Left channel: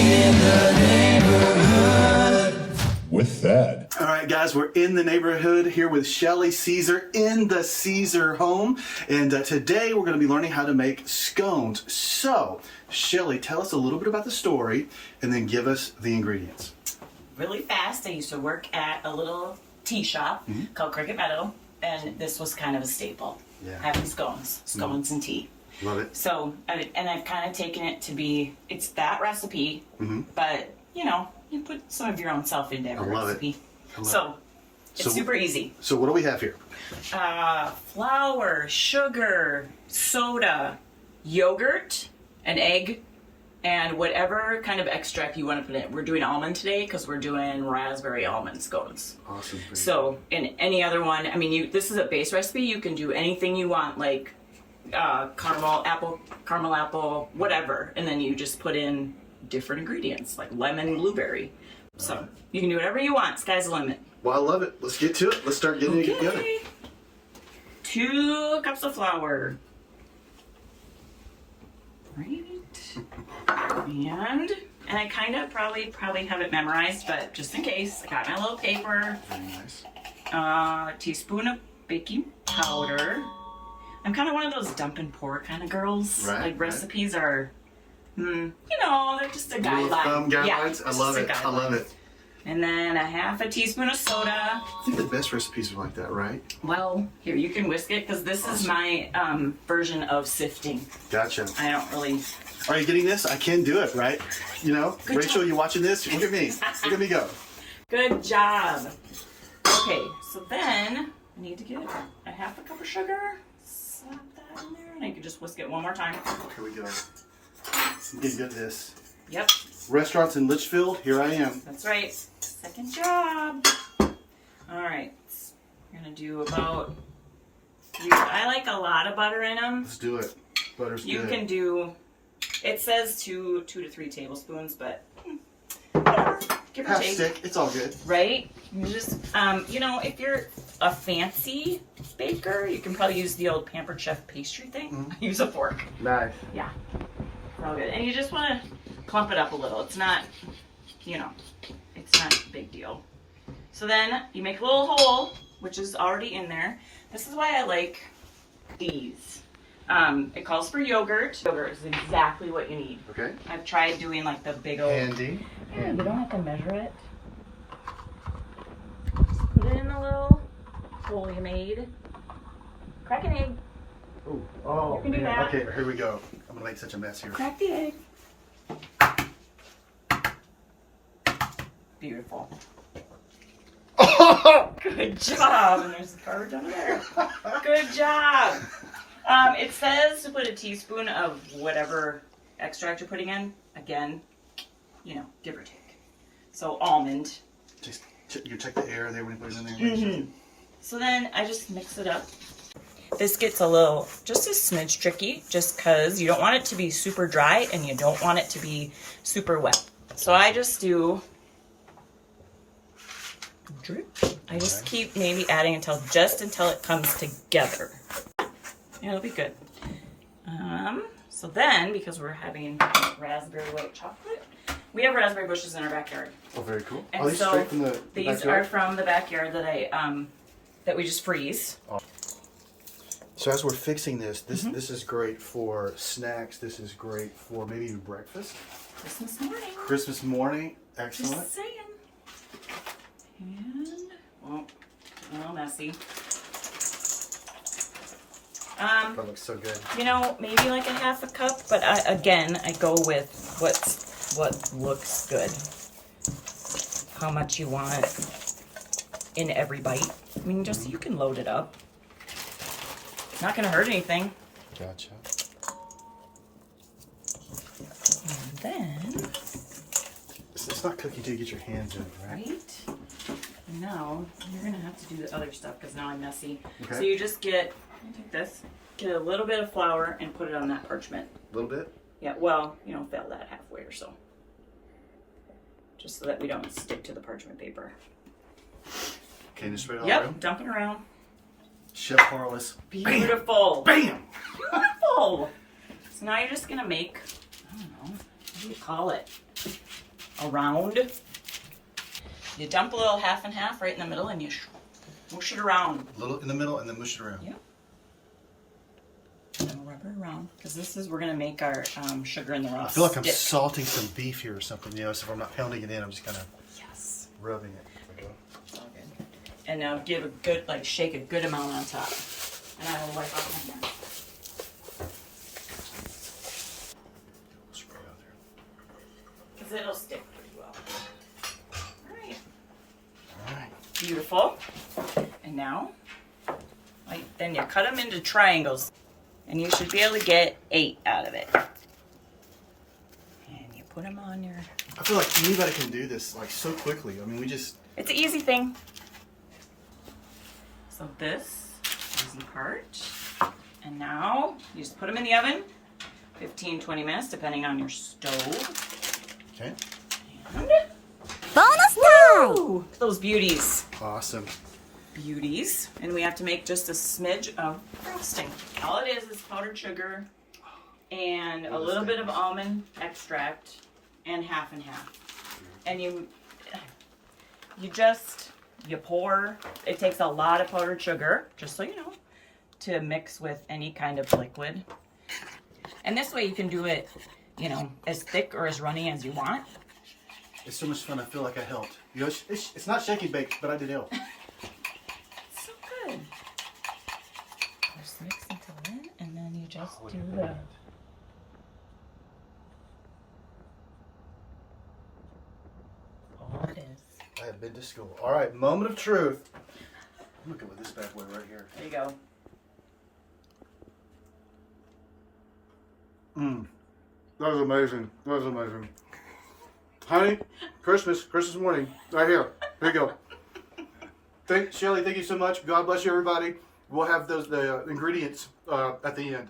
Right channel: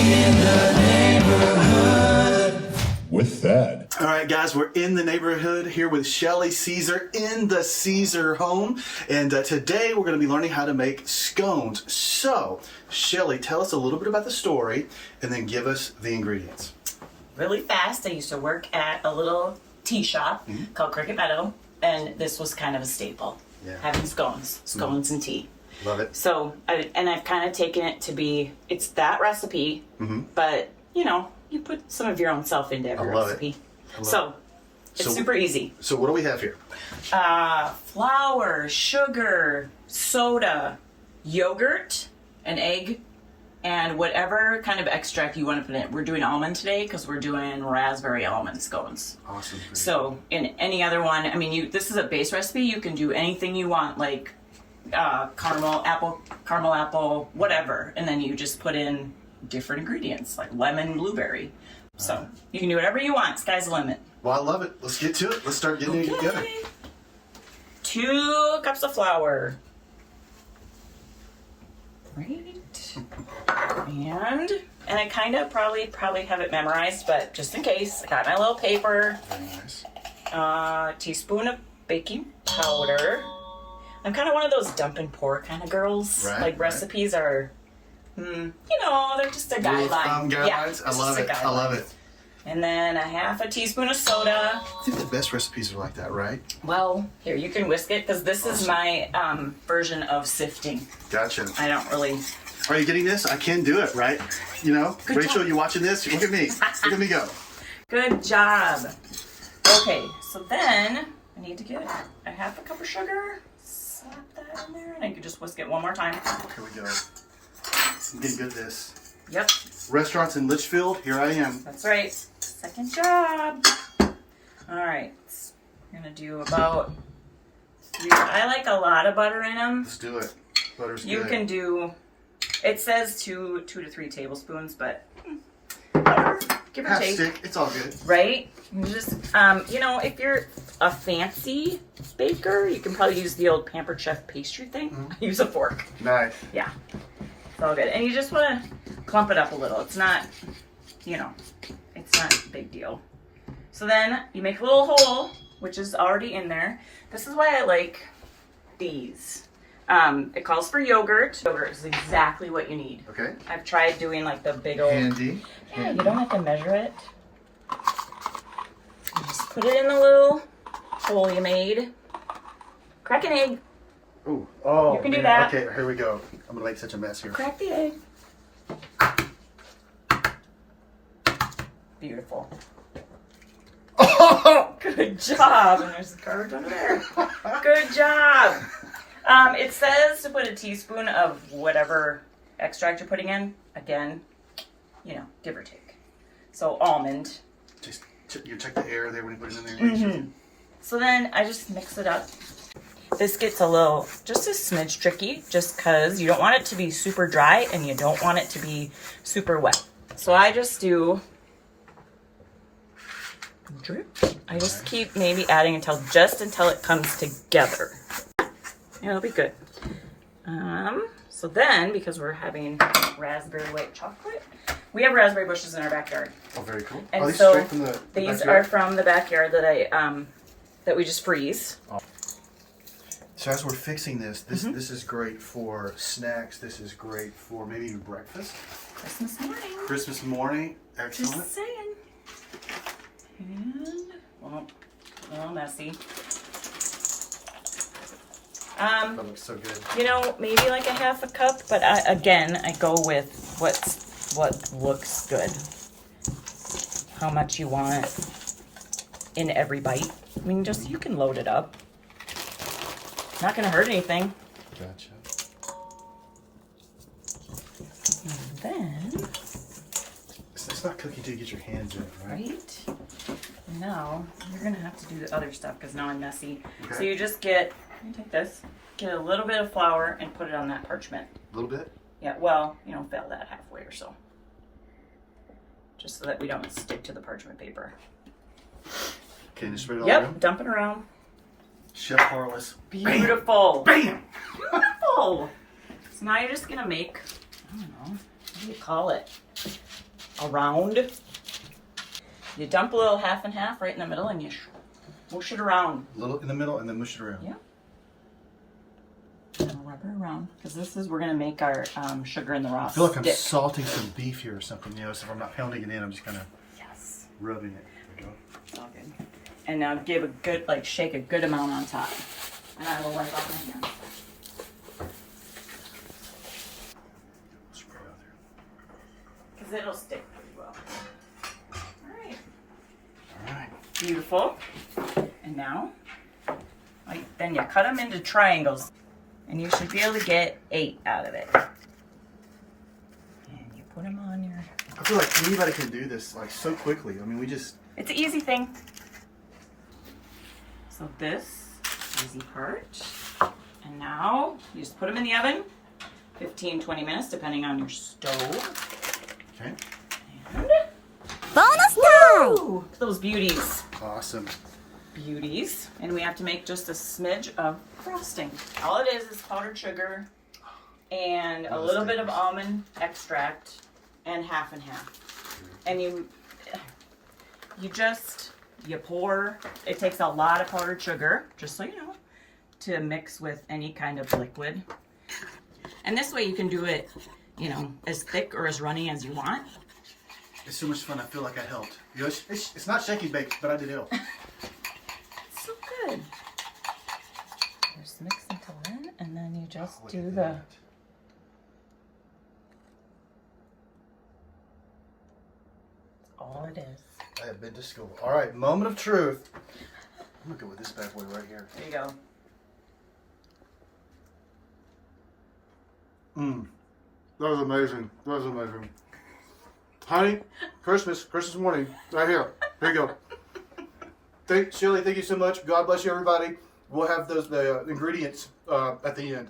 in the neighborhood with Thad. All right, guys, we're in the neighborhood here with Shelly Ceasar in the Ceasar home. And today we're going to be learning how to make scones. So, Shelly, tell us a little bit about the story and then give us the ingredients. Really fast, I used to work at a little tea shop called Cricket Meadow, and this was kind of a staple. Yeah. Having scones and tea. Love it. So, I've kind of taken it to be, it's that recipe, but, you know, you put some of your own self into every recipe. So, it's super easy. So what do we have here? Flour, sugar, soda, yogurt, an egg, and whatever kind of extract you want to put in it. We're doing almond today because we're doing raspberry almond scones. Awesome. So in any other one, I mean, this is a base recipe. You can do anything you want, like caramel apple, whatever. And then you just put in different ingredients, like lemon, blueberry. So you can do whatever you want. Sky's the limit. Well, I love it. Let's get to it. Let's start getting it together. 2 cups of flour. Right. And I kind of probably have it memorized, but just in case, I got my little paper. Very nice. Teaspoon of baking powder. I'm kind of one of those dump and pour kind of girls. Right, like recipes are, you know, they're just a guideline. Guidelines. I love it. I love it. And then a half a teaspoon of soda. I think the best recipes are like that, right? Well, here, you can whisk it because this is my version of sifting. Gotcha. I don't really... Are you getting this? I can do it, right? You know, Good Rachel, job. you watching this? Look at me. Look at me go. Good job. Okay, so then I need to get a half a cup of sugar. Slap that in there, and I can just whisk it one more time. Here we go. I'm getting good at this. Yep, Restaurants in Litchfield, here I am. that's right. Second job. All right, we're gonna do about 3. I like a lot of butter in them. Let's do it. Butter's You good. can do. It says 2 to 3 tablespoons, but whatever. Give or Half take. stick. It's all good. Right? You just, you know, if you're a fancy baker, you can probably use the old Pampered Chef pastry thing. I use a fork. Nice. Yeah. It's all good. And you just want to clump it up a little. It's not, you know, it's not a big deal. So then you make a little hole, which is already in there. This is why I like these. It calls for yogurt. Yogurt is exactly what you need. Okay. I've tried doing like the big old... Handy. Yeah, you don't have to measure it. Just put it in the little hole you made. Crack an egg. Ooh. Oh, You can do man. that. Okay, here we go. I'm going to make such a mess here. Crack the egg. Beautiful. Oh! Good job. And there's the cards under there. Good job. It says to put a teaspoon of whatever extract you're putting in. Again, you know, give or take. So almond. Just you check the air there when you put it in there. So then I just mix it up. This gets just a smidge tricky, just because you don't want it to be super dry and you don't want it to be super wet. So I just do drip. I just keep maybe adding until it comes together. It'll be good. So then, because we're having raspberry white chocolate, we have raspberry bushes in our backyard. Oh, very cool. And are these so straight from the these backyard? are from the backyard that we just freeze. So as we're fixing this, this is great for snacks. This is great for maybe even breakfast. Christmas morning. Christmas morning. Excellent. Just saying. And, well, a little messy. That looks so good. You know, maybe like a half a cup, but I go with what looks good. How much you want in every bite. I mean, you can load it up. Not gonna hurt anything. Gotcha. And then, It's not cooking till you get your hands in it, right? right? Now, you're gonna have to do the other stuff because now I'm messy. Okay. So you just take this, get a little bit of flour and put it on that parchment. A little bit? Yeah, well, you know, fill that halfway or so. Just so that we don't stick to the parchment paper. Okay, just spread it all around? Dump it around. Chef Harless. Beautiful. Bam! Beautiful. So now you're just gonna make, I don't know, what do you call it? around. You dump a little half and half right in the middle and you mush it around. A little in the middle and then mush it around. Yeah. And rub it around because we're gonna make our sugar in the raw. I feel like I'm stick. salting some beef here or something, you know, so if I'm not pounding it in, I'm just kind of rubbing it. There we go. It's all good. And now give a good, shake a good amount on top. And I will wipe off my hands. Spread it out there. Because it'll stick pretty well. Alright. All right. Beautiful. And now, then you cut them into triangles. And you should be able to get 8 out of it. And you put them on your... I feel like anybody can do this like so quickly. I mean, we just... It's an easy thing. So this, easy part. And now, you just put them in the oven. 15-20 minutes, depending on your stove. Okay. And... Bonus time! Ooh, those beauties. Awesome. Beauties. And we have to make just a smidge of frosting. All it is powdered sugar and a little bit of almond extract and half and half. And you pour. It takes a lot of powdered sugar, just so you know, to mix with any kind of liquid. And this way you can do it, as thick or as runny as you want. It's so much fun. I feel like I helped. You know, it's not shaky baked, but I did help. It's so good. Just mix until then, and then you just do the... All it is. I have been to school. All right, moment of truth. I'm gonna go with this bad boy right here. There you go. That was amazing. That was amazing. Honey, Christmas morning, right here. Here you go. Shelly, thank you so much. God bless you, everybody. We'll have the ingredients at the end.